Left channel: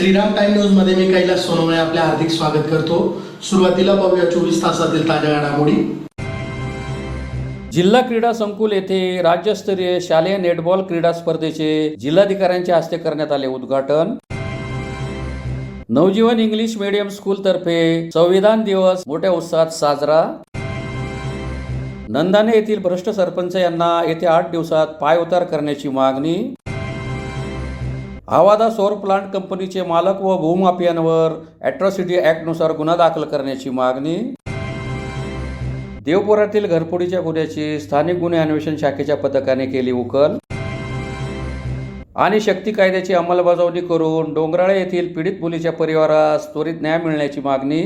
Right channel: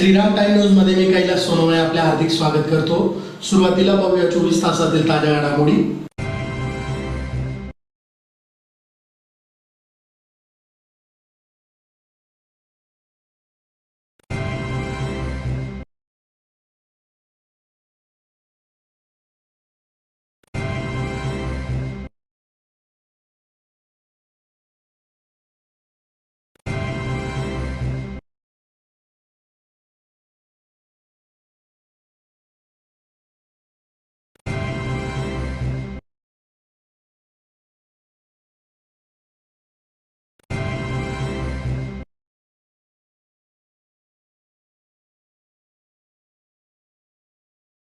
Shriram time news मध्ये मी कैलास सोनवणे आपले हार्दिक स्वागत करतो। सुरुवातीला पाहूया 24 तासातील ताज्या घडामोडी। जिल्हा क्रीडा संकुल येथे राज्यस्तरीय शालेय नेटबॉल क्रीडा स्पर्धेचे जिल्हाधिकाऱ्यांच्या हस्ते करण्यात आले उद्घाटन। नवजीवन इंग्लिश मीडियम स्कूल तर्फे संविधान दिवस मोठ्या उत्साहात साजरा। नंदाने येथील भ्रष्ट सरपंच यांना येत्या 8 दिवसात पायउतार करण्याची मागणी। आवादा सौर प्लांट कंपनीचे मालक व भूमाफियांवर ॲट्रॉसिटी ॲक्टनुसार गुन्हा दाखल करण्याची मागणी। देवपुरातील घरफोडीच्या गुन्ह्याची स्थानिक गुन्हे अन्वेषण शाखेच्या पथकाने केली उकल। आणि शक्ती कायद्याची अंमलबजावणी करून डोंगराळे येथील पीडित मुलीच्या परिवारास त्वरित न्याय मिळण्याची मागणी।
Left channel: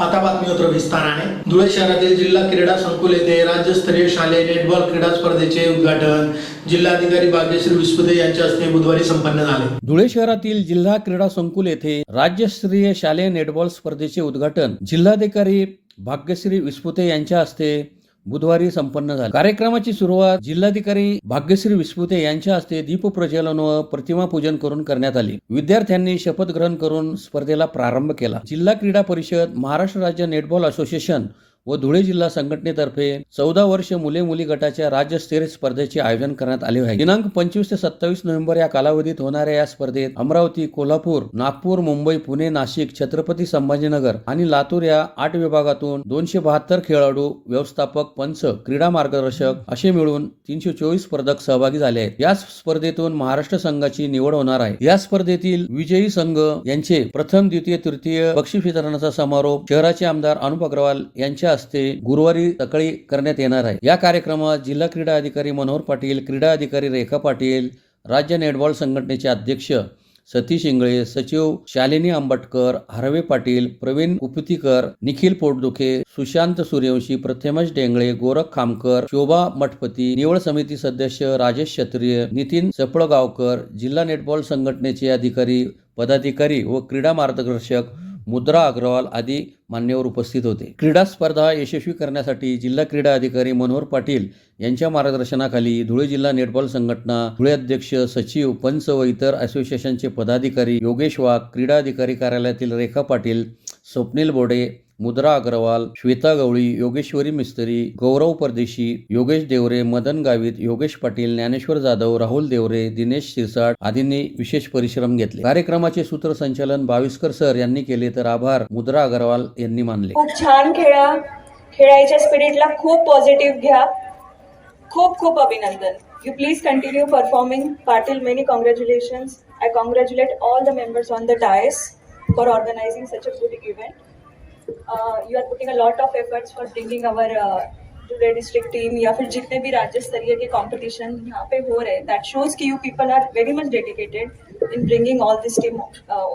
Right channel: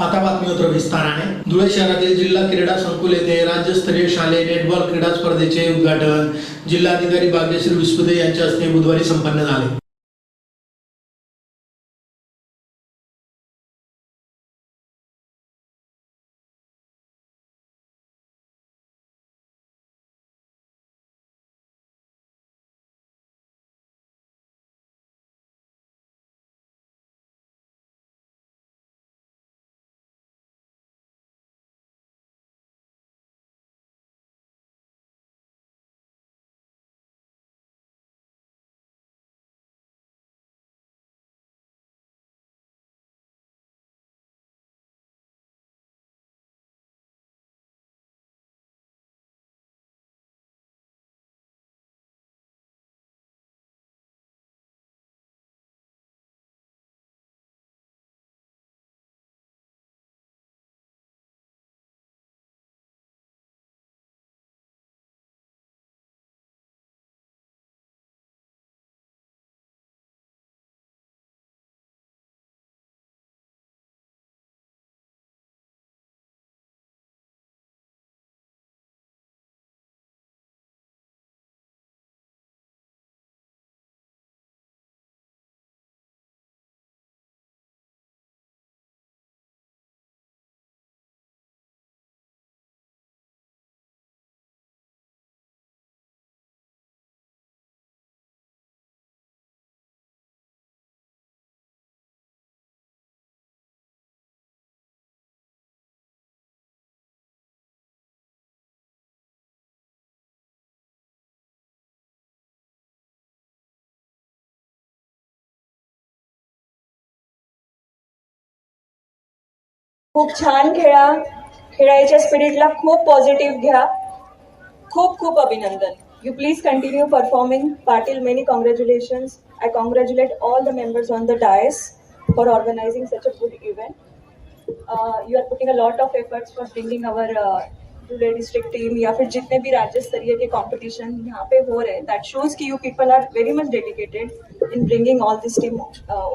आता बातमीपत्र विस्ताराने। धुळे शहरातील जिल्हा क्रीडा संकुल येथे राज्यस्तरीय शालेय नेटबॉल क्रीडा स्पर्धेचे उद्घाटन जिल्हाधिकारी भाग्यश्री विस्पुते यांच्या हस्ते बुधवारी संपन्न झाले। धुळे शहरातील जिल्हा क्रीडा संकुल येथे राज्यस्तरीय शालेय नेटबॉल स्पर्धेचे उद्घाटन जिल्हाधिकारी भाग्यश्री विस्पुते यांच्या हस्ते बुधवारी संपन्न झाले। कार्यक्रमाची सुरुवात जिल्हाधिकारी भाग्यश्री विस्पुते यांच्या हस्ते दीप प्रज्वलन व प्रतिमा पूजन करून करण्यात आली। विद्यार्थ्यांनी शपथ ग्रहण करून स्पर्धेला प्रारंभ केला। जिल्हा क्रीडा परिषद, महाराष्ट्र राज्य नेटबॉल असोसिएशन व धुळे जिल्हा संघटनेतर्फे 14 वर्ष मुले मुली गटाच्या राज्यस्तरीय स्पर्धेचे आयोजन करण्यात आले आहे। दिनांक 25 ते 27 नोव्हेंबर या कालावधीत होणाऱ्या या स्पर्धेत अमरावती, कोल्हापूर, नागपूर, मुंबई, पुणे, नाशिक, छत्रपती संभाजीनगर आणि लातूर या 8 विभागातून 272 खेळाडू, व्यवस्थापक, पंच, क्रीडा मार्गदर्शक असे मिळून 324 स्पर्धक सहभागी झाले आहेत। या स्पर्धेतून महाराष्ट्र संघाची निवड होणार आहे। या स्पर्धेतील विजयी संघ यांचे प्रथम, द्वितीय, तृतीय बक्षीस वितरणाचा समारोप शहराचे आमदार अनुप अग्रवाल यांच्या हस्ते गुरुवारी सकाळी करण्यात येणार आहे। या कार्यक्रमात जिल्हा क्रीडा अधिकारी मनोहर पाटील, क्रीडा अधिकारी रेखा पाटील, राज्य नेटबॉल संघटनेचे अध्यक्ष सतीश इंगळे, सचिव शालिनी आंबटकर, हरवे पाटील, प्रवीण उपुतीकर, निखिल पोटदुखे, सुशांत सूर्यवंशी, प्रथमेश डेंगळे, गोरख खामकर, शोभा मठपती, निवड समिती सदस्य राजेश क्षत्रिय, नितीन चपळगावकर, जिल्हा नेटबॉल संघटनेचे अधिकारी, पदाधिकारी व क्रीडा मार्गदर्शक मुद्रा अग्रवाल आदी मान्यवर उपस्थित होते। क्रीडा स्पर्धा यशस्वी करण्यासाठी जिल्हा क्रीडा अधिकारी मनोहर पाटील यांच्या मार्गदर्शनाखाली धुळे जिल्हा नेटबॉल संघटना, धुळे अध्यक्ष, सचिव, पंच व इतर असोसिएशनचे पदाधिकारी योगेश वाघ, क्रीडा अधिकारी कार्यालयातील रेखा पाटील, स्वप्नील बोडे, मुद्रा अग्रवाल, श्वेता गवळी, योगेश्वरी मिस्त्री, गौरव परदेशी, योगेश देवरे, मदन गावित, योगेश पाटील, ज्ञानेश्वर जाधव, राहुल देवरे, दिनेश शिरसाट आदींनी विशेष परिश्रम घेतले। कार्यक्रमाचे सूत्रसंचालन बाविस्कर सर यांनी केले तर आभार मुद्रा अग्रवाल यांनी मानले। खूप छान खेळायच्या स्पिरिटला खूप पॉझिटिव्ह घ्या। खूप खूप अभिनंदन। You please continue performing. Patil, many congratulations. I congratulate all the members on the dais for organizing such a good event. You are putting a lot of efforts for bringing our Dhule district team या फिर जितने भी राज्य स्तरीय के competition यहाँ पे हो रहे, that shows कि you people are very much dedicated in bringing all this team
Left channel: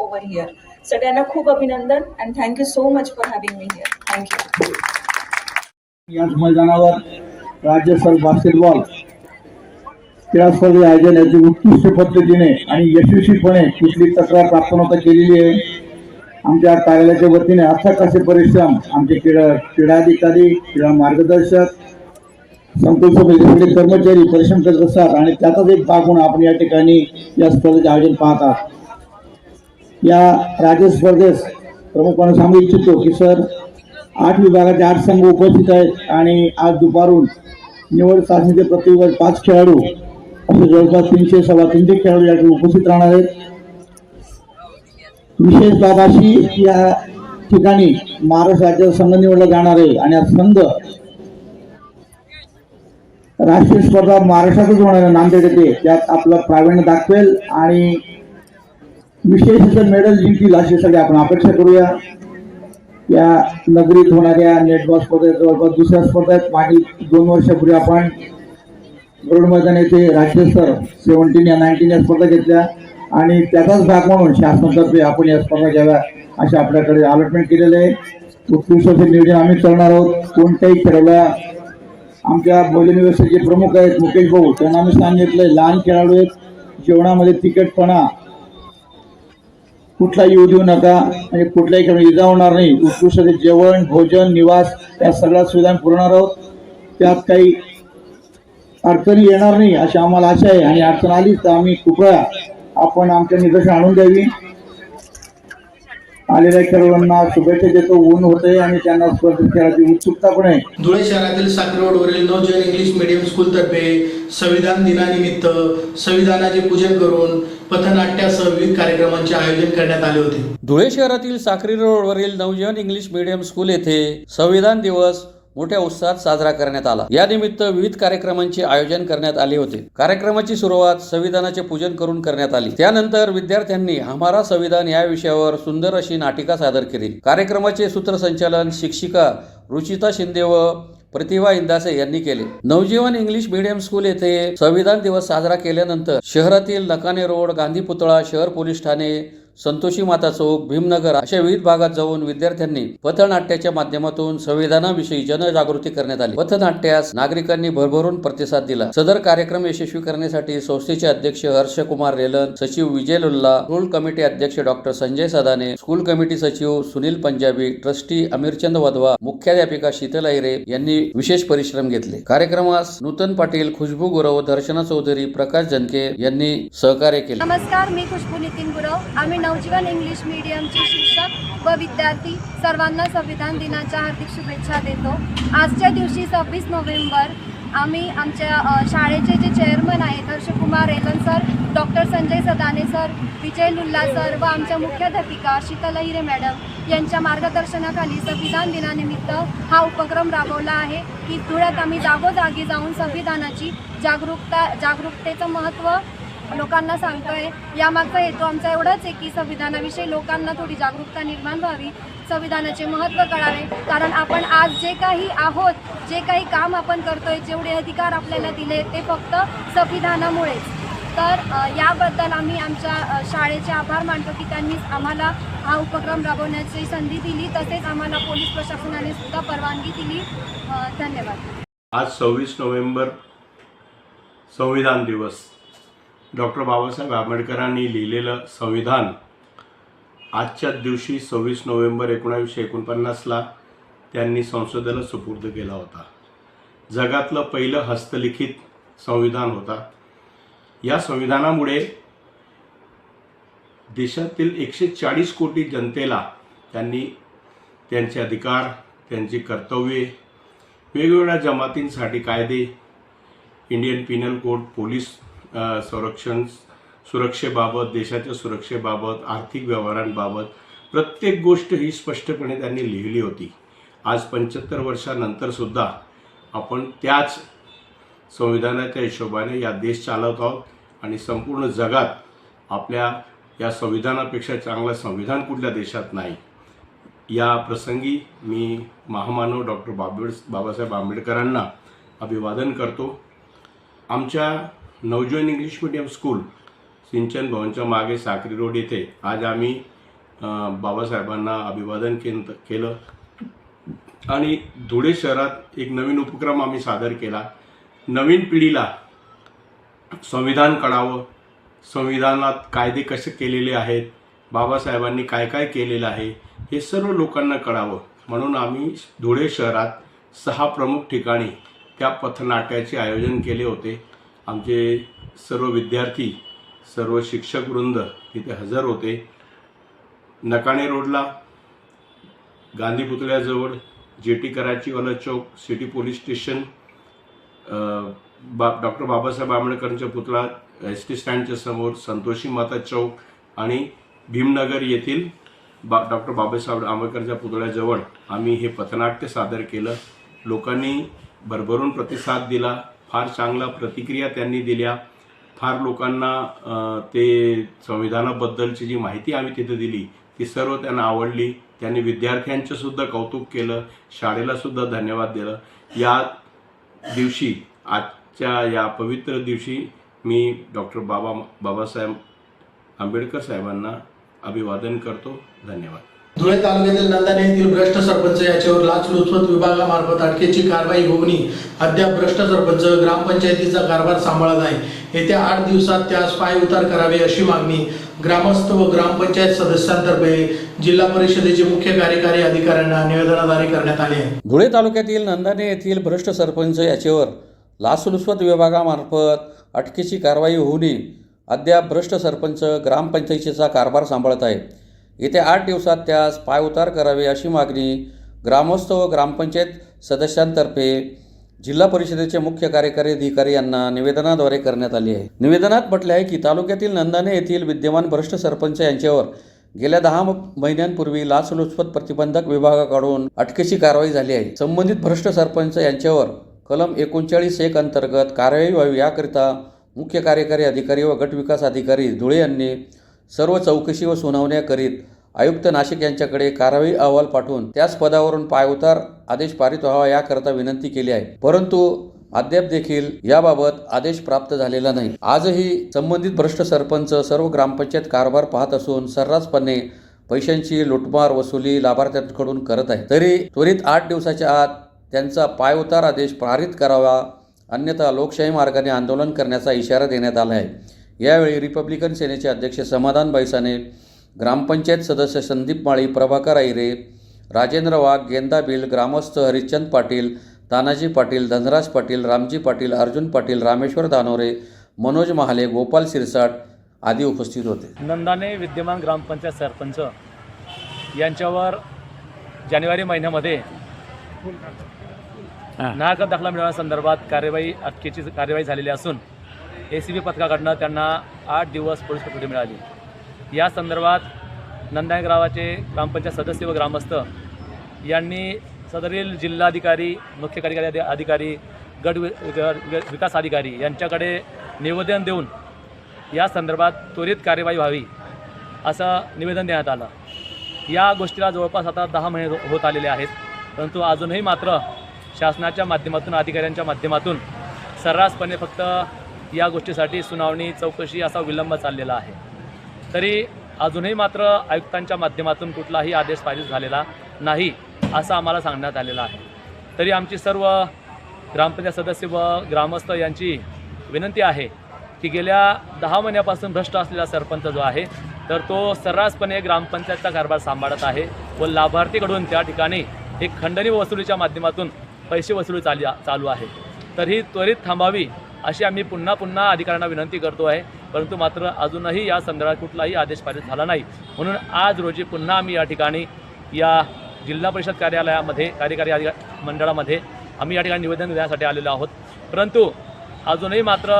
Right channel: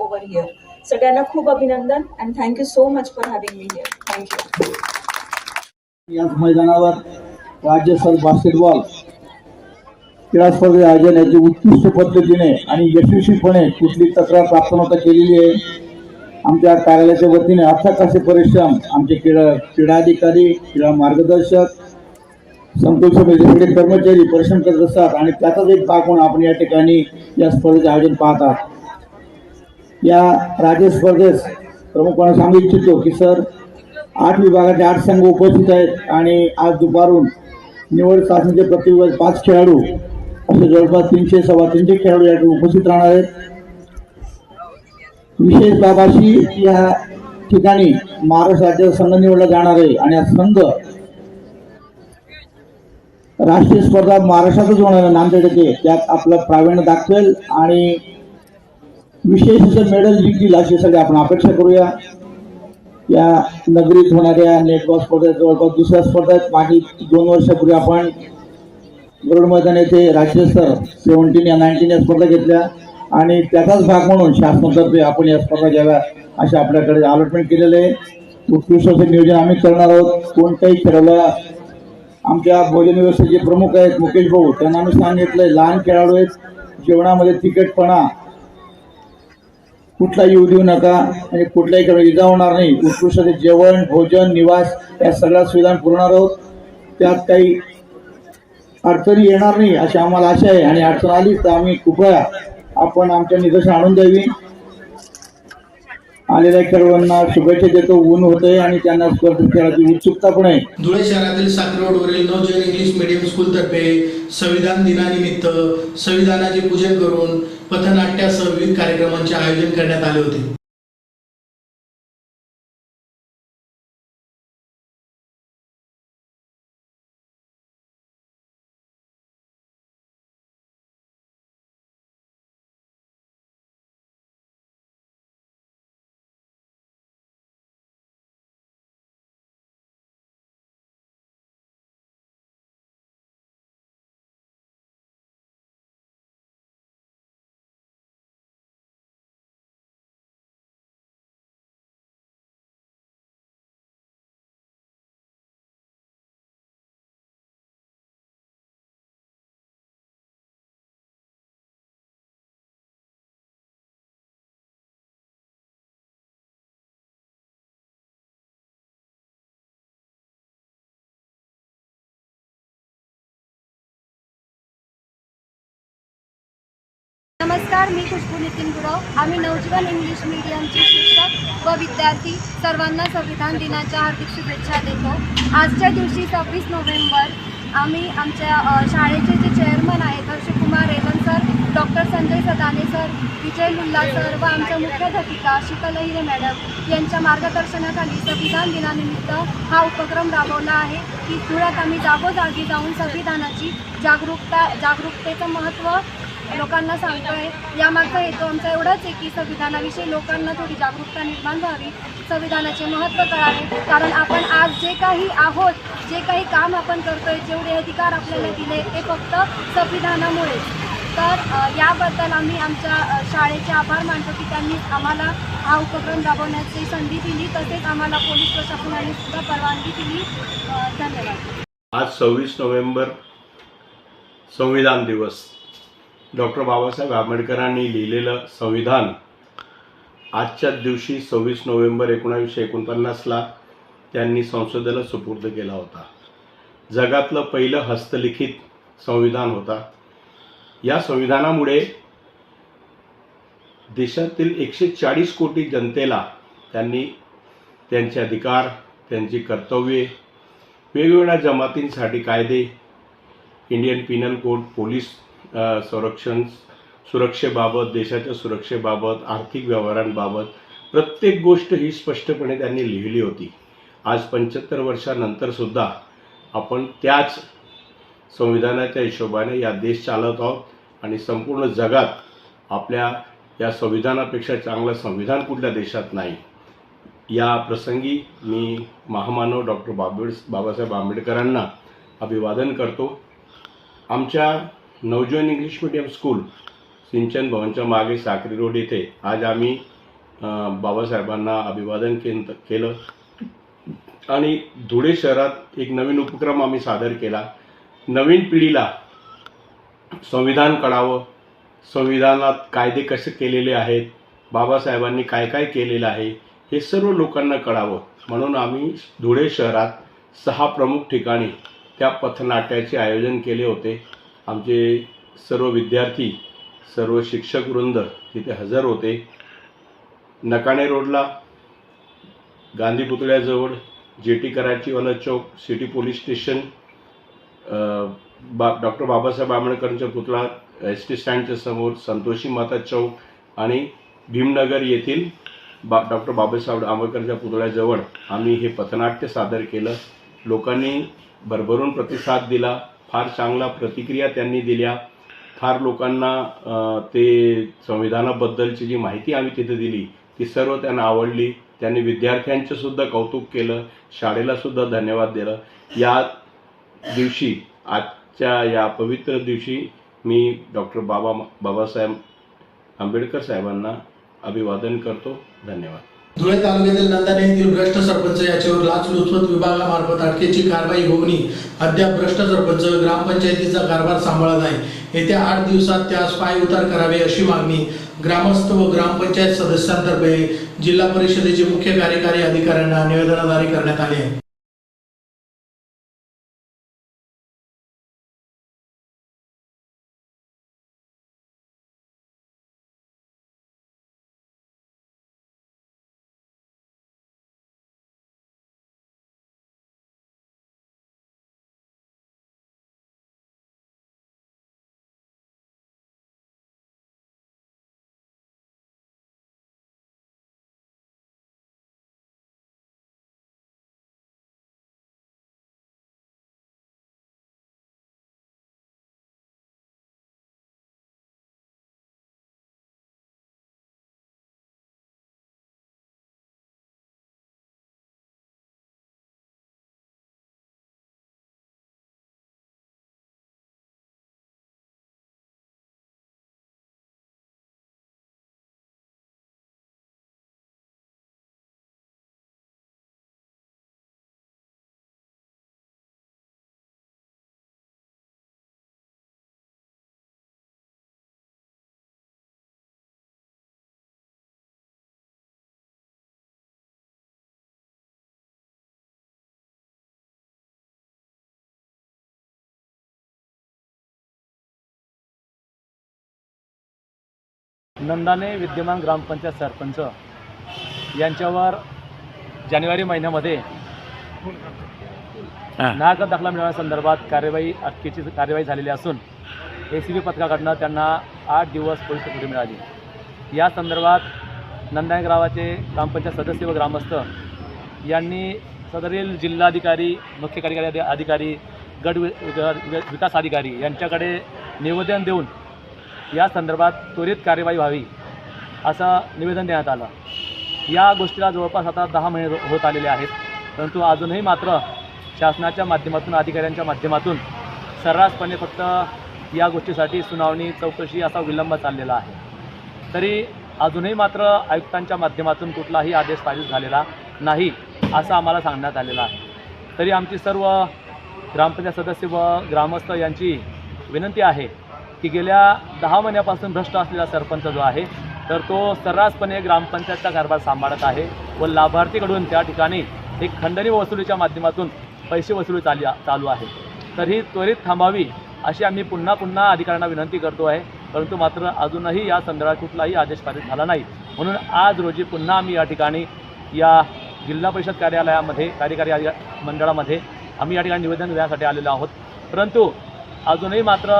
over here. सगळ्यांना खूप अभिनंदन and thank you so much for having me here. Thank you. याच मैदानावर राज्यस्तरीय बास्केटबॉल क्रीडा स्पर्धे आयोजन याची उत्कृष्ट पद्धतीने आणि यशस्वीपणे कुठली तक्रार प्राप्त नव्हता केलेली आहे। आमच्या कार्यालयाच्या वतीने अथक असे परिश्रम आमचे क्रीडा अधिकारी, क्रीडा मार्गदर्शक, संकुल समितीचे कर्मचारी परिश्रम करत असतात आणि त्याचाच एक भाग म्हणून आपण या ठिकाणी या स्पर्धेचे आयोजन पाहतात। या राज्य स्पर्धेस प्रमुखपणे सांगू इच्छितो की सर 8 विभागाचे 8 संघ उपस्थित आहेत आणि आज दुपारून निवड चाचणीचे प्रति विभाग 5 खेळाडू असे जवळपास 300-350 खेळाडू या ठिकाणी उपस्थित राहणार आहेत। विशेष बाब अशी या ठिकाणी महाराष्ट्र राज्याचा संघ निवडला जाणार आहे आणि हा संघ राष्ट्रीय स्पर्धा महाराष्ट्रातच होणार आहे नांदेड येथे, त्यात आपलं प्रावीण्य दाखवेल आणि विशेष असं मेडल जिंकतील अशी सगळी आपण अपेक्षा करूया। या नगरीत होणाऱ्या नेटबॉल स्पर्धेत जवळपास दुसऱ्या स्पर्धेत मागील 2 वर्षापूर्वी आपण गरुड मैदान येथे राज्यस्तर 17 या 19 या स्पर्धा घेतल्या आणि त्याचाच भाग म्हणून शासनातर्फे आपण या स्पर्धा घ्याव्या असे आपल्याकडे अलॉटमेंट केलेले आहे। उत्कृष्ट असे नियोजन आम्ही करणार आहोत। कोणत्याही खेळाडूला आमच्या भोजन व्यवस्थेचे प्रमुख आहेत मुकेश भाऊ, त्यांना आम्ही सांगितलंय लहान खेळाडू आहेत, जेवणामध्ये तिखटपणा कुठलाही येऊ देऊ नका आणि कुठल्याही खेळाडू इजा होणार नाही। उत्कृष्ट असे जेवण, भोजन, निवास या सगळ्या सुविधा पुरवणार आहोत। त्यात काही अडचणी येणार नाही अशी आम्हाला आशा आहे आणि अडचण आलीच तर आम्ही कृपया आपण आमच्या निदर्शन आणून द्यावी. आलेल्या खेळाडूंना शुभेच्छा देतो. ऊन होते आणि त्यांना स्पर्धेत खेळाची उत्सुकता पण आहे. धुळे शहरातील साखरे रोडवरील नवजीवन इंग्लिश मीडियम स्कूल तर्फे संविधान दिनानिमित्त संविधानाचे पूजन करून पथनाट्यासह विविध कार्यक्रमांचे आयोजन करण्यात आले होते. धुळे शहरातील साक्री रोडवरील नवजीवन इंग्लिश मीडियम स्कूल येथे संविधान दिवस मोठ्या उत्साहात साजरा करण्यात आला. या निमित्त विविध कार्यक्रमांचे आयोजन करण्यात आले होते. कार्यक्रमाची सुरुवात संविधानाचे पूजन करून करण्यात आली. त्यानंतर विद्यार्थ्यांनी हमारा संविधान या विषयावर सुंदर अशी नाटिका सादर केली. कार्यक्रमाचे सूत्रसंचालन शिक्षिका रुचिता शिंदे व प्रतिभा इंदासे यांनी केले. नवजीवन इंग्लिश मीडियम स्कूल येथे संविधान दिवस साजरा केल्यानंतर शहरातील नकाने रोड, गांधी पुतळा, शहर पोलीस ठाणे, संतोषी माता चौक, भीमनगर अशा विविध भागात जाऊन विद्यार्थ्यांनी पथनाट्याच्या माध्यमातून संविधानाविषयी जनजागृती करण्यात आली. पथनाट्यास नागरिकांनी भरभरून प्रतिसाद दिला. सदर कार्यक्रम यशस्वी करण्यासाठी संस्थेचे अध्यक्ष हर्षकुमार रेलन, सचिव विजय लुल्ला, स्कूल कमिटी अध्यक्ष डॉक्टर संजय सदाने, स्कूल कमिटी सचिव सुनील पंजाबी, ट्रस्टी अमीरचंद वधवा, मुख्याध्यापिका शीतल अहिरे यांनी विशेष परिश्रम घेतले. कार्यक्रमास नूतन पाटील, खुशबू गुरव, दर्शना चौधरी, प्रकाश जनके यांनी सहकार्य केले. नमस्कार, मी खुशबू नितीन गुरव. आम्ही नवजीवन इंग्लिश मीडियमचे शिक्षक व विद्यार्थी सर्वांना संविधान दिनाच्या हार्दिक शुभेच्छा देतो. आजच्या दिवशी 26 नोव्हेंबर आम्ही आमच्या शाळेचे जे चेअरमन आहेत Harshkumar Revan sir, doctor Sanjay Sadane sir, Vijay Lulla sir व आमच्या मुख्याध्यापिका शीतल अहिरे मॅडम यांच्या मार्गदर्शनाखाली संविधान दिनानिमित्त हा उपक्रम राबवला आहे की धुळ्यात आम्ही जागोजागी जाऊन संविधानाची जागरूकतेचं महत्त्व लोकांना सांगतोय. यामागचा हेतू आमचा एवढाच आहे की संविधानाविषयी लोकांना थोडी जागरूकता निर्माण व्हावी, संविधानाचे महत्त्व कळावे. कारण आपण आज जे काही आहोत, जे काही काम आपण करतोय, जेवढे अधिकार आपल्याला दिले ते फक्त संविधानामुळेच. तर याबद्दल आम्ही आमच्या शाळेचे आभार मानतो की त्यांनी आम्हाला हा उपक्रम राबवण्याची संधी दिली, तसेच आम्हाला पोलीस प्रशासनाने सुद्धा परवानगी दिली. धन्यवाद. आज 26 नोव्हेंबर संविधान दिवस. डॉक्टर बाबासाहेब आंबेडकरांनी लिहिलेलं संविधान आजच्या दिवशी 26 नोव्हेंबर 1949ला त्यांनी संसदेला सुपूर्द केला होता. जगातलं पहिलं हस्तलिखित संविधान होता. या संविधानामुळे देशातील 140 कोटी जनतेला त्यांनी त्यांचे अधिकार, त्यांची कर्तव्ये, वेगवेगळ्या जमातींसाठी कायदे, इंडियन पिनल कोड, पोलीस सुरक्षेबाबत, देशाच्या सुरक्षेबाबत, आर्थिक व्यवहारांबाबत प्रत्येक गोष्ट ही स्पष्टपणे त्यांनी लिहिली होती. आज 75 वर्षानंतर सुद्धा आपण त्याच संविधानाच्या हिशोबाने या देश चालवत आहोत आणि संपूर्ण जगात आपल्या या संविधानापेक्षा चांगलं संविधान कुठल्या देशात नाही. या प्रसंगी मी महामानव डॉक्टर बाबासाहेब आंबेडकरांना अभिवादन करतो. आमच्या नवजीवन इंग्लिश मीडियम स्कूल सिंचन भवनच्या मागे साक्री रोड येथे आज आम्ही बाबासाहेबांना अभिवादन केलं आणि धुळे शहरात एक नवीन उपक्रम आम्ही सादर केला. नवीन पिढीला संविधान कळावं, संविधानात कायदे कसे केलेले आहेत, बाबासाहेबांनी काय काय केलेलं आहे हे सर्व लोकांना कळावं म्हणून आम्ही धुळे शहरात 6 प्रमुख ठिकाणी त्या पथनाट्याचे आयोजन केले होते. आमचे सर्व विद्यार्थी, सर्व शिक्षक वृंद तिथे हजर होते. नकाणे रोडला, गांधी पुतळ्याजवळ, जेटी कराची वाला चौक, city police station, doctor Babasaheb आंबेडकरांचा पुतळा, एस टी स्टँडच्या समोर, संतोषी माता चौक आणि भीमनगर येथील डॉक्टर बाबासाहेब आंबेडकरांच्या पुतळ्याजवळ आम्ही हे पथनाट्य सादर केलं. लोकांनी भरभरून प्रतिसाद दिला. फार चांगला प्रतिक्रिया त्यांनी दिल्या. फार लोकांना ते संविधानाबद्दलची जी माहिती आम्ही तिथे दिली ती सर्व त्यांना आवडली. त्यांनी विद्यार्थ्यांचं सुद्धा कौतुक केलं, शाळेलासुद्धा धन्यवाद दिलं. या दिवशी, आजच्या या पवित्र दिवशी मी डॉक्टर बाबासाहेब आंबेडकर साहेबांना अभिवादन करतो. धन्यवाद. धुळे तालुक्यातील नंदाने येथील भ्रष्ट सरपंच याच्यावर लाचलुचपत विभागामार्फत अटकेची कारवाई होऊनही अद्याप भ्रष्ट सरपंच ग्रामपंचायतीचा कारभार सांभाळत आहे. येत्या 8 दिवसात त्यास पायउतार करावे अशी मागणी ग्रामस्थ व ग्रामपंचायत सदस्यांतर्फे जिल्हा परिषदेचे मुख्य कार्यकारी अधिकाऱ्यांना निवेदनाद्वारे करण्यात आले आहे. धुळे तालुक्यातील नंदाने येथील भ्रष्ट सरपंच याच्यावर लाचलुचपत विभागामार्फत अटकेची कारवाई होऊनही अद्याप भ्रष्ट सरपंच ग्रामपंचायतीचा कारभार सांभाळत आहे. येत्या 8 दिवसात त्यास पायउतार करावे अशी मागणी ग्रामस्थ व ग्रामपंचायत सदस्यांतर्फे जिल्हा परिषदेचे मुख्य कार्यकारी अधिकारी यांना निवेदनाद्वारे करण्यात आली आहे. निवेदनात म्हटले आहे की तालुक्यातील नंदाने येथील विद्यमान भ्रष्ट सरपंच यांच्यावर गेल्या 10 महिन्यांपूर्वी लाचलुचपत प्रतिबंधक विभागाकडून अटकेची कारवाई झाली आहे. संबंधित भ्रष्ट सरपंच यांच्यावर कलम 39(1) अंतर्गत कारवाई व्हावी याकरिता मुख्य कार्यकारी अधिकारी व गट विकास अधिकारी धुळे यांनी सर्व चौकशी व सुनावण्या करीत आयुक्त नाशिक यांच्याकडे कारवाई अहवाल पाठवून त्याच पदावरून पायउतार आदेश पारित व्हावा याकरता विनंती केली आहे. परंतु अद्याप देखील याबाबत आदेश प्राप्त झालेला नाही. आजही संबंधित भ्रष्ट सरपंच सर्व ग्रामपंचायत कारभार पाहत असून सर्रासपणे पैशांची लुटमार वसुली लाभार्थ्यांकडून करत आहे. तरी त्वरित 8 दिवसाच्या आत त्यांचा पायउतार आदेश पारित करावा, अन्यथा लोकशाही मार्गाने आंदोलन करण्याचा इशारा देण्यात आला आहे. यावेळी रिपब्लिकन सेनेचे अध्यक्ष समाधान बैसाने, ग्रामपंचायत सदस्य संदीप माळी, प्रभाकर आईरे, राजेंद्र वाघ, गेंदा बिल, ग्रामस्थ हरिश्चंद पाटील, तानाजी पाटील, धनराज पाटील, रामजी पाटील, अर्जुन पाटील, रामेश्वर दानोरे, मनोज महाले, गोपाल सिरसाट आदी उपस्थित होते. नंदाने विद्यमान ग्रामपंचायत सरपंच यांच्यावर जानेवारी महिन्यामध्ये नागरिकत्व दाखला मिळवण्यासंदर्भात अटकेची कार्यवाही झालेली असून ACB पथकाकडनं त्यांना 8 दिवस पोलीस कोठडी मिळाली. या संदर्भात नंदाने गावाचे ग्रामपंचायत सदस्य व ग्रामस्थ यांनी सदरील जिल्हाधिकारी, मुख्य कार्यकारी अधिकारी, गट विकास अधिकारी यांच्याकडे निवेदन देऊन या संदर्भात त्वरित कार्यवाही व्हावी असं निवेदन देण्यात आलं. या गोष्टीला जवळपास आता 10 महिने होत आलेले आहेत, परंतु अजूनही मात्र शासनाच्या माध्यमातून, अधिकाऱ्यांच्या माध्यमातून सर्रासपणे फक्त या गोष्टीसाठी सुनावणी, चौकशी असा विलंब चाललेला आहे. तरी अजूनही मात्र आयुक्तांच्या माध्यमातून कुठलाही आदेश पारित झालेला नाही असं आम्हाला सांगण्यात आलेलं आहे. तरी आमची सर्व ग्रामपंचायत सदस्य व ग्रामस्थ यांची विनंती आहे की गेल्या 10 महिन्यापासून भ्रष्ट असलेला सरपंच जो आहे तर तो सर्रासपणे ग्रामपंचायतचा कारभार सांभाळत आहे व लाभार्थीकडून त्या ठिकाणी एक खंडणी वसुलीच्या माध्यमातून पैसे वसुली चालू आहे. तर ही त्वरित थांबावी अशी आम्ही पुन्हा अधिकाऱ्यांना विनंती करतो आहे. परंतु मात्र अजूनही या संदर्भात कुठलाही आदेश पारित झाला नाही. म्हणून आज रोजी पुन्हा आम्ही या ठिकाणी या जिल्हा परिषद कार्यालयामध्ये, कार्यकारी मंडळामध्ये आम्ही या ठिकाणी निवेदन देण्यासाठी आलेलो आहोत. परंतु अजूनही मात्र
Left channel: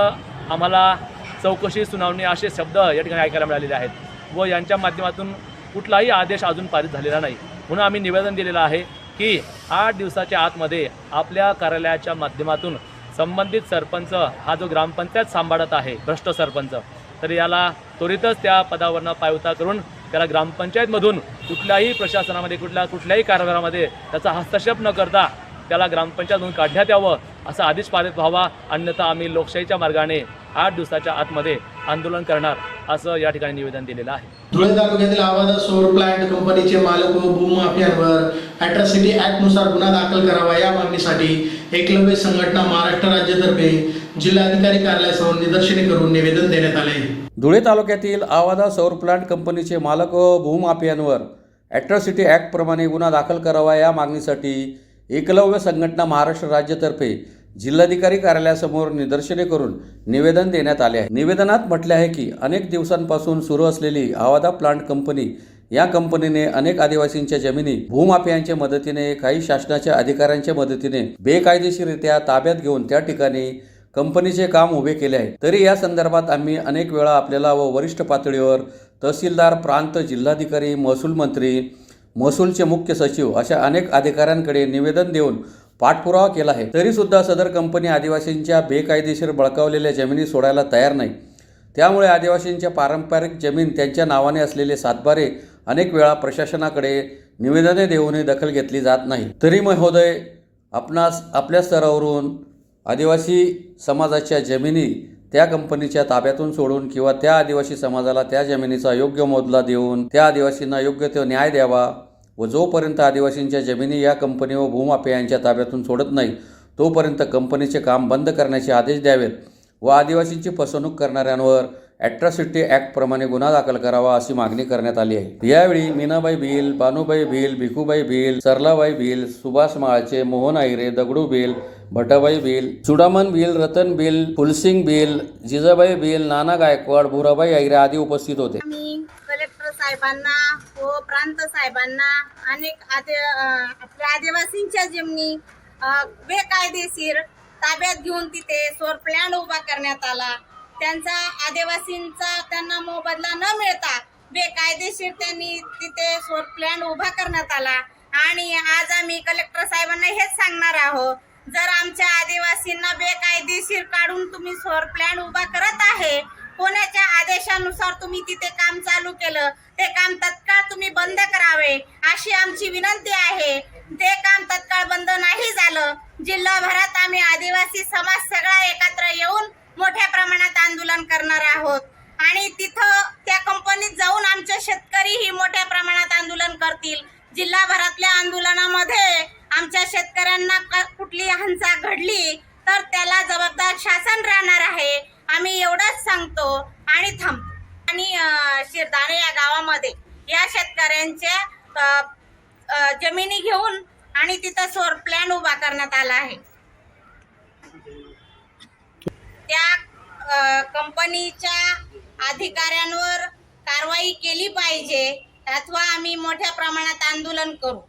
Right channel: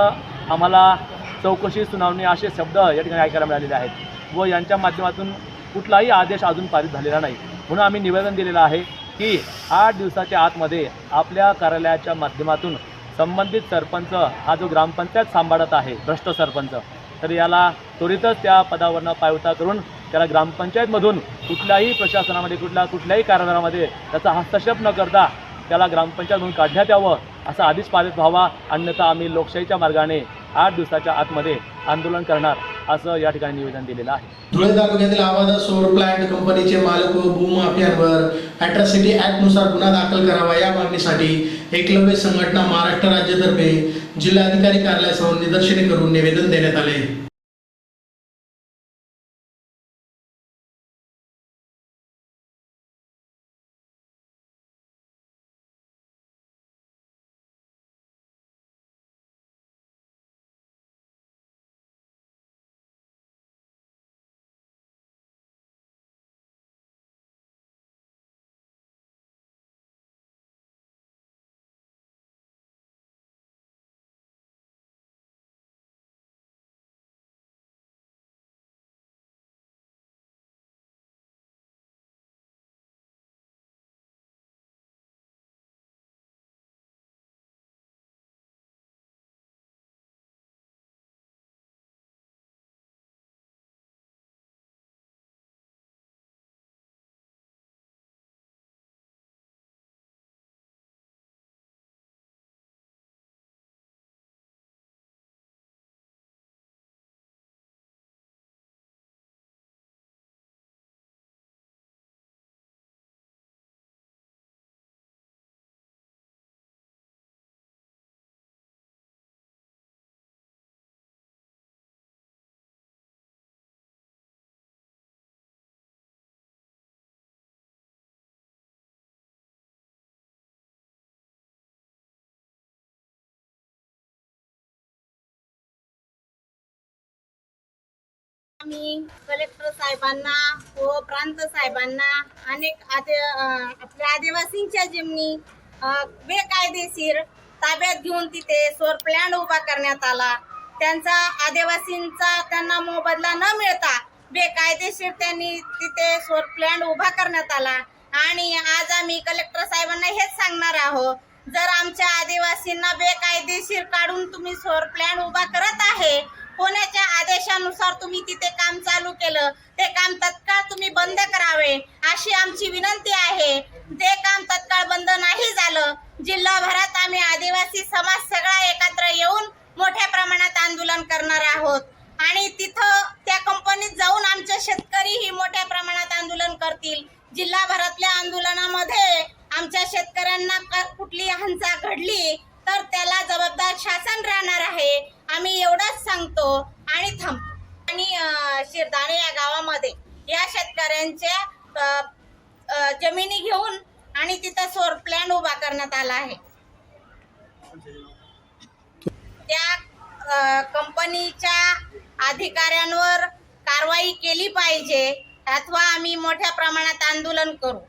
आम्हाला चौकशी, सुनावणी असे शब्द या ठिकाणी ऐकायला मिळालेले आहेत व यांच्या माध्यमातून कुठलाही आदेश अजून पारित झालेला नाही. म्हणून आम्ही निवेदन दिलेलं आहे की 8 दिवसाच्या आतमध्ये आपल्या कार्यालयाच्या माध्यमातून संबंधित सरपंच हा जो ग्रामपंचायत सांभाळत आहे, भ्रष्ट सरपंच, तर याला त्वरितच त्या पदावरनं पायउतार करून त्याला ग्रामपंचायतमधून कुठल्याही प्रशासनामध्ये, कुठल्याही कारभारामध्ये त्याचा हस्तक्षेप न करता त्याला ग्रामपंचायतमधून काढण्यात यावं असा आदेश पारित व्हावा. अन्यथा आम्ही लोकशाहीच्या मार्गाने 8 दिवसाच्या आतमध्ये आंदोलन करणार असं या ठिकाणी निवेदन दिलेलं आहे. धुळे तालुक्यातील आवादा सौर प्लांट कंपनीचे मालक व भूमाफियांवर अॅट्रॉसिटी ॲक्टनुसार गुन्हा दाखल करावा या मागणीसाठी एकलव्य संघटना महाराष्ट्र राज्यातर्फे जिल्हाधिकारी कार्यालयासमोर निदर्शने करून निवेदन देण्यात आले. धुळे तालुक्यातील आवादा सौर प्लांट कंपनीचे मालक व भूमाफियांवर अॅट्रॉसिटी ॲक्टप्रमाणे गुन्हा दाखल करावा या मागणीसाठी एकलव्य संघटना महाराष्ट्र राज्यातर्फे जिल्हाधिकारी कार्यालयासमोर निदर्शने करून निवेदन देण्यात आले आहे. निवेदनात म्हटले आहे की अनेक दिवसांपासून सुरू असलेली आवादा प्लांट कंपनी या कंपनीने अनेक आदिवासींच्या जमिनी भूमाफियांच्या मदतीने, काही शासनाच्या अधिकाऱ्यांच्या मदतीने बेकायदेशीररित्या ताब्यात घेऊन त्या ठिकाणी कंपनीचे काम उभे केले आहे. तरी या संदर्भात आम्ही अनेक वेळा आपल्याला व वरिष्ठ पातळीवर तहसीलदार, प्रांत, जिल्हाधिकारी, महसूल मंत्री, महसूलचे मुख्य सचिव अशा अनेक अधिकाऱ्यांकडे निवेदन देऊन पाठपुरावा केला आहे. तरीसुद्धा सदर कंपनी आदिवासींच्या बेकायदेशीर बळकावलेल्या जमिनी सोडायला तयार नाही. त्यामुळे आदिवासींच्या पारंपरिक जमीन, त्यांच्या नावाने असलेले सातबारे अनेक वेळा प्रशासनाकडे निवेदने देऊनही दखल घेतली जात नाही. तरी महोदय, आपणास आपल्या स्तरावरून आदिवासी समाजाच्या जमिनी त्या कंपनीच्या ताब्यातून सोडून किंवा त्या आदिवासी समाजाला त्या जमिनीचा योग्य मोबदला देऊन त्या आदिवासींना योग्य तो न्याय द्यावा व जोपर्यंत आदिवासींच्या जमिनी या कंपनी व भूमाफियांच्या ताब्यातून सोडत नाही तोपर्यंत कंपनीचे काम बंद करण्याचे आदेश द्यावेत व आदिवासींची फसवणूक करणाऱ्यांवर अॅट्रॉसिटी ॲक्टप्रमाणे गुन्हा दाखल करावा अशी मागणी करण्यात आली आहे. यावेळी मीनाबाई भिल, बानुबाई भिल, भिकूबाई भिल, सरलाबाई भिल, सुभाष माळचे, मोहन आईरे, दगडू भिल, भटाबाई भिल, चुडामन भिल, रतन भिल, फुलसिंग भिल, जिजाबाई भिल, नाना गायकवाड, भुराबाई आहिरे आदी उपस्थित होते. आम्ही कलेक्टर साहेबांना व प्रांत साहेबांना अनेक आपल्या आदिवासींच्या जमिनी बेकायदेशीर ताब्यात घेऊन तिथे सौर प्लॅन उभा करण्यात आला. त्यांचा आदिवासींचा त्यांना मोबदला न मिळता बेकायदेशीर त्यांनी तिथे सौर प्लॅन उभा करण्यात आला. आणि आज आम्ही कलेक्टर साहेबांना हेच सांगणार आहोत, जर आमच्या आदिवासींना बेकायदेशीर काढून तुम्ही सौर प्लॅन उभा करत आहे, कोणाच्या आदेशानुसार तुम्ही तिथे काम चालू केलं, ते काम तत्काळ तुम्ही बंद करावे अशी आमची विनंती आहे. ते काम तत्काळ बंद नाही झालं, जिल्हाभरात आम्ही आदिवासी समाज सगळा एकत्र येऊन मोठ्या प्रमाणात आंदोलन करणार आहोत. आणि तिथं त्या कंपनीत जाऊन आमचे शेतकरीही मोठ्या प्रमाणात आंदोलन करतील. जिल्हाभरातल्या आंदोलनामध्ये आमच्या शेतकऱ्यांना कुठली हंसा घडली तर त्याला जबाबदार शासन राहणार आहे. आम्ही एवढंच सांगतो आणि थांबतो. आणि शिरदाणे या गावामध्ये या शेतकऱ्यांच्या जमिनी घेऊन आणि तिथं सौर प्लॅन उभा करण्यात आला आहे. त्या कंपनीच्या अधिकाऱ्यांवर कारवाई केली पाहिजे अथवा आम्ही मोठ्या प्रमाणात आंदोलन करू.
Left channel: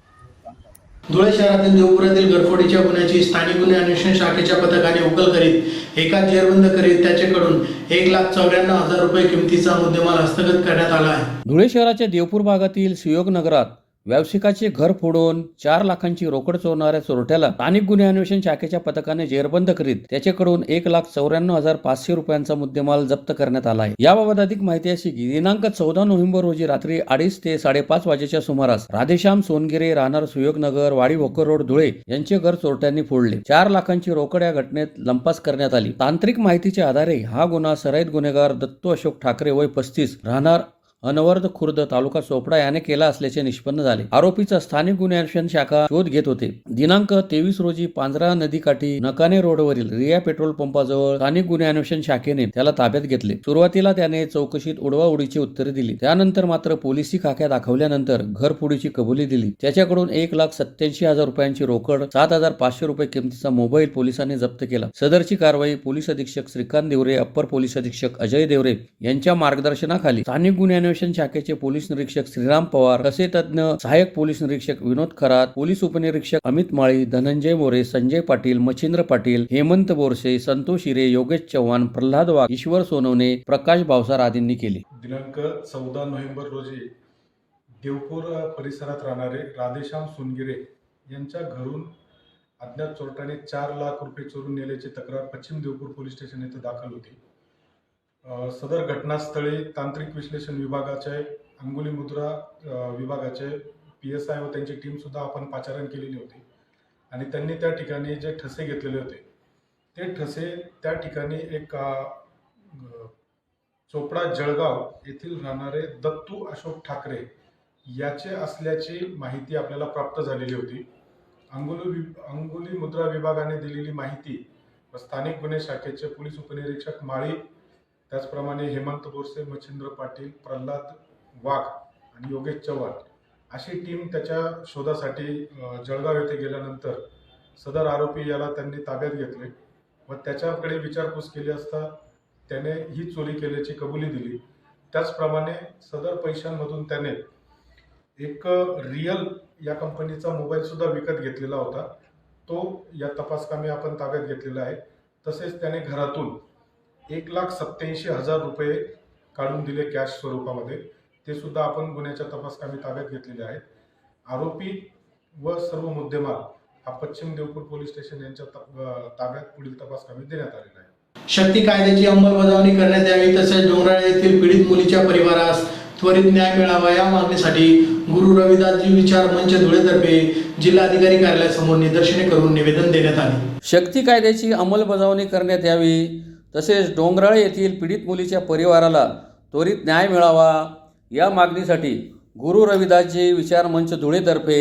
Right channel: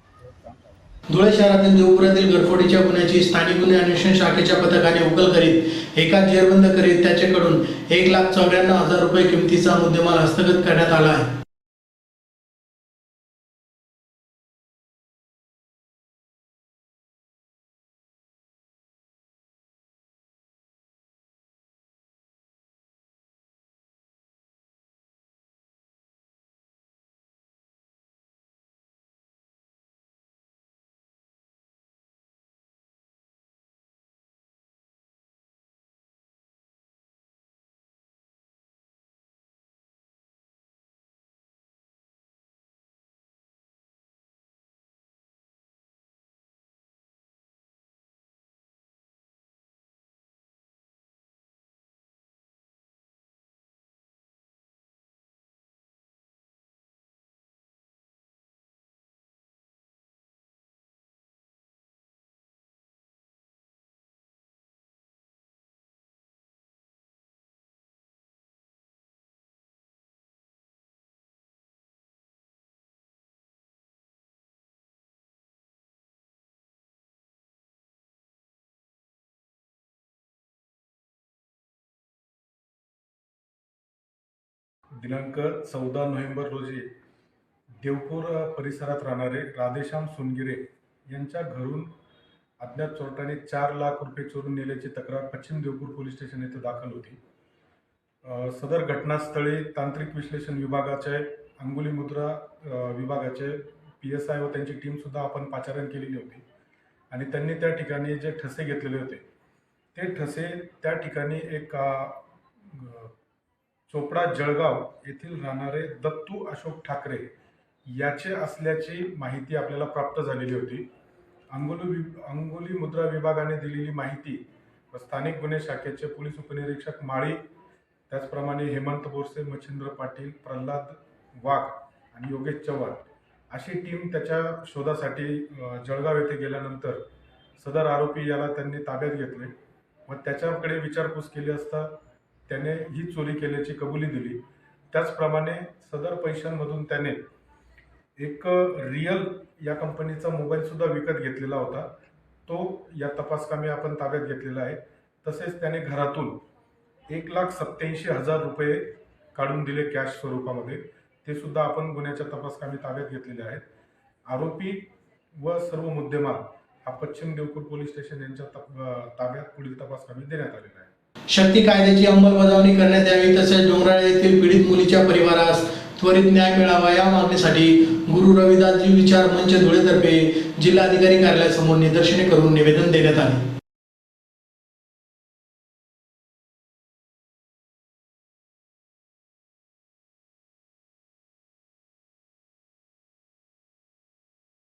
धुळे शहरातील देवपुरातील घरफोडीच्या गुन्ह्याची स्थानिक गुन्हे अन्वेषण शाखेच्या पथकाने उकल करीत एका जेरबंद करीत त्याच्याकडून 1,94,000 रुपये किमतीचा मुद्देमाल हस्तगत करण्यात आला आहे. धुळे शहराच्या देवपूर भागातील सुयोग नगरात व्यावसायिकाचे घर फोडून 4 लाखांची रोकड चोरणाऱ्या चोरट्याला स्थानिक गुन्हे अन्वेषण शाखेच्या पथकाने जेरबंद करीत त्याच्याकडून 1,94,500 रुपयांचा मुद्देमाल जप्त करण्यात आला आहे. याबाबत अधिक माहिती अशी की दिनांक 14 नोव्हेंबर रोजी रात्री 2:30 ते 5:30 वाजेच्या सुमारास राधेश्याम सोनगिरे राहणार सुयोगनगर वाडी भोकर रोड धुळे यांचे घर चोरट्यांनी फोडले. 4 लाखांची रोकड या घटनेत लंपास करण्यात आली. तांत्रिक माहितीच्या आधारे हा गुन्हा सराईत गुन्हेगार दत्तू अशोक ठाकरे वय 35 राहणार अनवर्ध खुर्द तालुका चोपडा याने केला असल्याचे निष्पन्न झाले. आरोपीचा स्थानिक गुन्हे अन्वेषण शाखा शोध घेत होते. दिनांक 23 रोजी पांजरा नदीकाठी नकाने रोडवरील रिया पेट्रोल पंपाजवळ स्थानिक गुन्हे अन्वेषण शाखेने त्याला ताब्यात घेतले. सुरुवातीला त्याने चौकशीत उडवाउडीची उत्तरे दिली. त्यानंतर मात्र पोलिसी खाक्या दाखवल्यानंतर घरफोडीची कबुली दिली. त्याच्याकडून 1,87,000 रुपयांची रोकड 7,500 रुपये किमतीचा मोबाईल पोलिसांनी जप्त केला. सदरची कारवाई पोलीस अधीक्षक श्रीकांत देवरे, अप्पर पोलीस अधीक्षक अजय देवरे यांच्या मार्गदर्शनाखाली स्थानिक गुन्हे अन्वेषण शाखेचे पोलीस निरीक्षक श्रीराम पवार, कसे तज्ञ सहाय्यक पोलीस निरीक्षक विनोद खरात, पोलीस उपनिरीक्षक अमित माळी, धनंजय मोरे, संजय पाटील, मच्छिंद्र पाटील, हेमंत बोरसे, संतोष हिरे, योगेश चव्हाण, प्रल्हाद वाघ, ईश्वर सोनवणे, प्रकाश भावसार आदींनी केली. दिनांक 14 नोव्हेंबर रोजी देवपूर परिसरात राहणारे राधेश्याम सोनगिरे यांच्या घरून अज्ञात चोरट्याने 4 लाख रुपये चोरून नेल्याची तक्रार पश्चिम देवपूर पोलीस स्टेशन येथे दाखल होती. सदर घटनास्थळी तांत्रिक विश्लेषण विभागाचे, अंगुली मुद्रा विभागाचे PSI व त्यांची टीमसुद्धा आपण पाचारण केलेली होती. आणि त्यांनी त्या ठिकाणी जे ठसे घेतलेले होते ते ठसे त्या ठिकाणी एक चोपडा जळगाव येथील राहणारे दत्तू अशोक ठाकरे याचे असल्याची माहिती आपल्याला प्राप्त झालेली होती. अंगुली मुद्रा विभागाने दिलेली माहिती व स्थानिक गुन्हे शाखेचे पोलीस उपनिरीक्षक माळी, त्याचप्रमाणे हेमंत बोरसे, मच्छिंद्र पाटील, प्रल्हाद वाघ आणि योगेश चव्हाण अशी टीम त्याच्या शोधासाठी जळगाव येथे गेल्यानंतर सदर आरोपी याला त्यांनी ताब्यात घेतले व त्याच्याकडे विचारपूस केली असता त्याने ही चोरी केल्याची कबुली दिली. त्याचप्रमाणे सदर पैशांमधून त्याने एक रियल या कंपनीचा मोबाईलसुद्धा विकत घेतलेला होता. तो या तपासकामी आपण ताब्यात घेतलेला आहे. तसेच त्याने घरातून 1,87,000 रुपये काढून दिले कॅश स्वरूपामध्ये. ते सुद्धा आपण गुन्ह्याच्या तपासकामी ताब्यात घेतलेले आहेत. आरोपी व सर्व मुद्देमाल हा पश्चिम देवपूर पोलीस स्टेशन यांच्या ताब्यात पुढील तपासकामी देण्यात आलेला आहे. शक्ती कायद्याची अंमलबजावणी करण्यात यावी तसेच डोंगराळे येथील पीडित मुलीच्या परिवारास त्वरित न्याय मिळावा या मागणीसाठी गुरु रविदासजी विचार मंच धुळेतर्फे जिल्हाधिकारी कार्यालयासमोर निदर्शने करून निवेदन देण्यात आले. शक्ती कायद्याची अंमलबजावणी करण्यात यावी तसेच डोंगराळे येथील पीडित मुलीच्या परिवाराला त्वरित न्याय मिळावा या मागणीसाठी गुरु रविदासजी विचार मंच धुळेतर्फे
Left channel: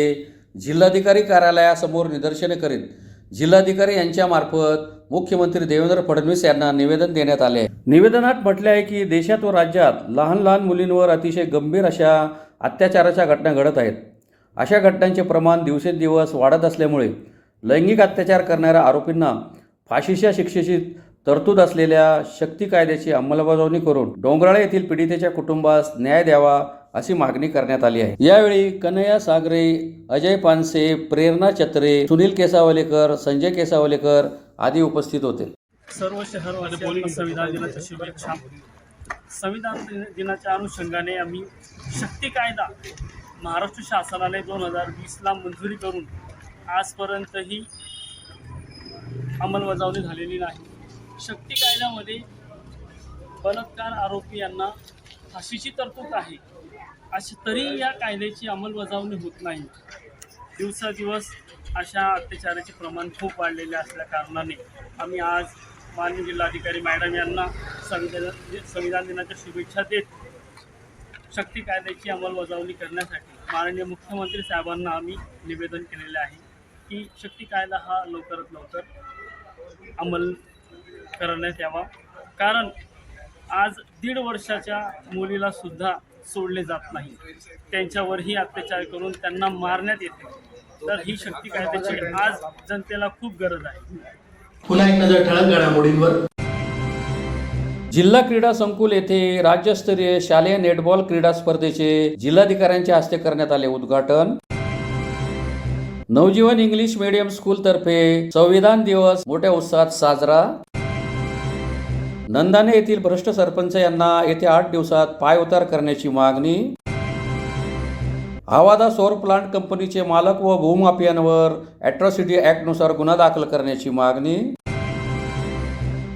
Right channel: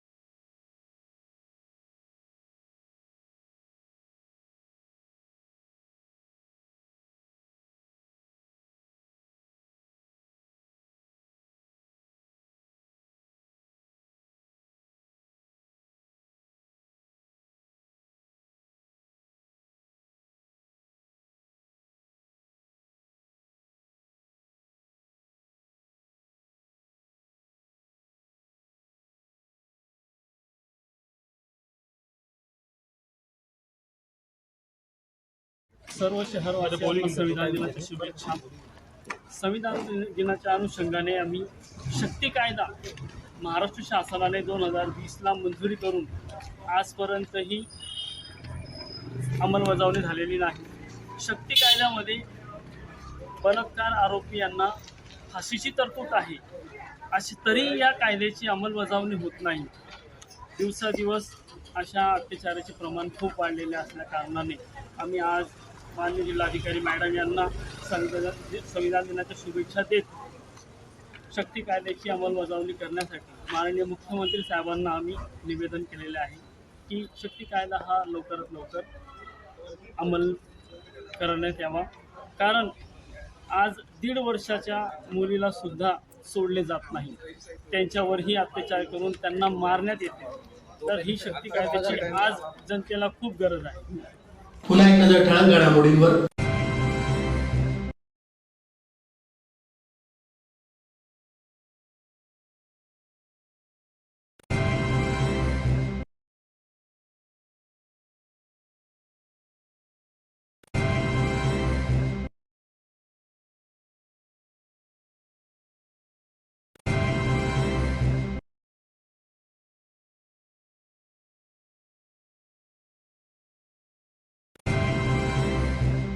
जिल्हाधिकारी कार्यालयासमोर निदर्शने करीत जिल्हाधिकारी यांच्यामार्फत मुख्यमंत्री देवेंद्र फडणवीस यांना निवेदन देण्यात आले आहे. निवेदनात म्हटले आहे की देशात व राज्यात लहान लहान मुलींवर अतिशय गंभीर अशा अत्याचाराच्या घटना घडत आहेत. अशा घटनांचे प्रमाण दिवसेंदिवस वाढत असल्यामुळे लैंगिक अत्याचार करणाऱ्या आरोपींना फाशीच्या शिक्षेची तरतूद असलेल्या शक्ती कायद्याची अंमलबजावणी करून डोंगराळे येथील पीडितेच्या कुटुंबास न्याय द्यावा अशी मागणी करण्यात आली आहे। यावेळी कन्हैया सागरे, अजय पानसे, प्रेरणा चत्रे, सुनील केसावलेकर, संजय केसावलेकर आदी उपस्थित होते। सर्व शहरवासियांना संविधान दिनाच्या शुभेच्छा। संविधान दिनाच्या अनुषंगाने आम्ही शक्ती कायदा महाराष्ट्र शासनाने 2020ला मंजुरी करून आजपर्यंतही अंमलबजावणी झालेली नाही। शक्ती कायद्यामध्ये बलात्कार आरोपी यांना फाशीची तरतूद आहे, अशी तरी या कायद्याची अंमलबजावणी होत नाही। दिवसादिवस अशा अत्याचाराचे प्रमाण खूप वाढलेले असल्या कारणाने आम्ही आज माननीय जिल्हाधिकारी मॅडम यांना संविधान दिनाच्या शुभेच्छा देत शक्ती कायद्याची अंमलबजावणी करण्यासाठी माननीय मुख्यमंत्री साहेबांना आम्ही निवेदन केलेले आहे की शक्ती कायदा हा लवकरात लवकर अंमल करण्यात यावा। कारण आज 1.5 वर्षाच्या मुलीला सुद्धा सोडले जात नाही, त्यांच्यावरही अत्याचार करून त्यांना मारण्यात येते। तर ही शक्ती कायद्याची आज जनतेला खूप गरज आहे। पुन्हा एक नजर ठळक घडामोडींवर। जिल्हा क्रीडा संकुल येथे राज्यस्तरीय शालेय नेटबॉल क्रीडा स्पर्धेचे जिल्हाधिकाऱ्यांच्या हस्ते करण्यात आले उद्घाटन। नवजीवन इंग्लिश मीडियम स्कूल तर्फे संविधान दिवस मोठ्या उत्साहात साजरा। नंदाने येथील भ्रष्ट सरपंच यांना येत्या 8 दिवसात पायउतार करण्याची मागणी। आवादा सौर प्लांट कंपनीचे मालक व भूमाफियांवर अॅट्रॉसिटी ॲक्टनुसार गुन्हा दाखल करण्याची मागणी।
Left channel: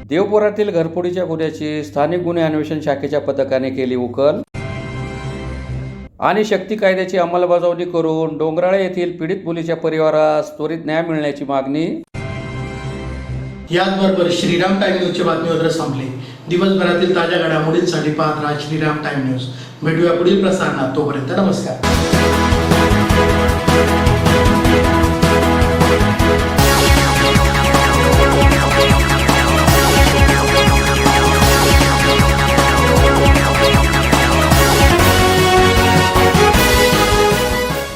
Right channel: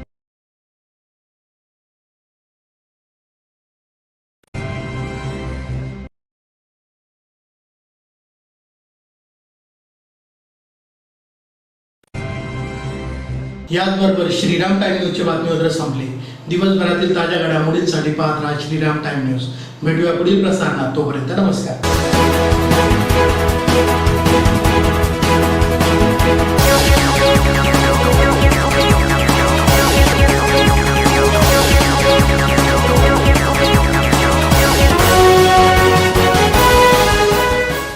देवपुरातील घरफोडीच्या गुन्ह्याची स्थानिक गुन्हे अन्वेषण शाखेच्या पथकाने केली उकल। आणि शक्ती कायद्याची अंमलबजावणी करून डोंगराळे येथील पीडित मुलीच्या परिवारास त्वरित न्याय मिळण्याची मागणी। याचबरोबर श्रीराम टाइम न्यूजचे बातमीपत्र संपले। दिवसभरातील ताज्या घडामोडींसाठी पाहत राहा श्रीराम टाइम न्यूज। भेटूया पुढील प्रसारणात, तोपर्यंत नमस्कार।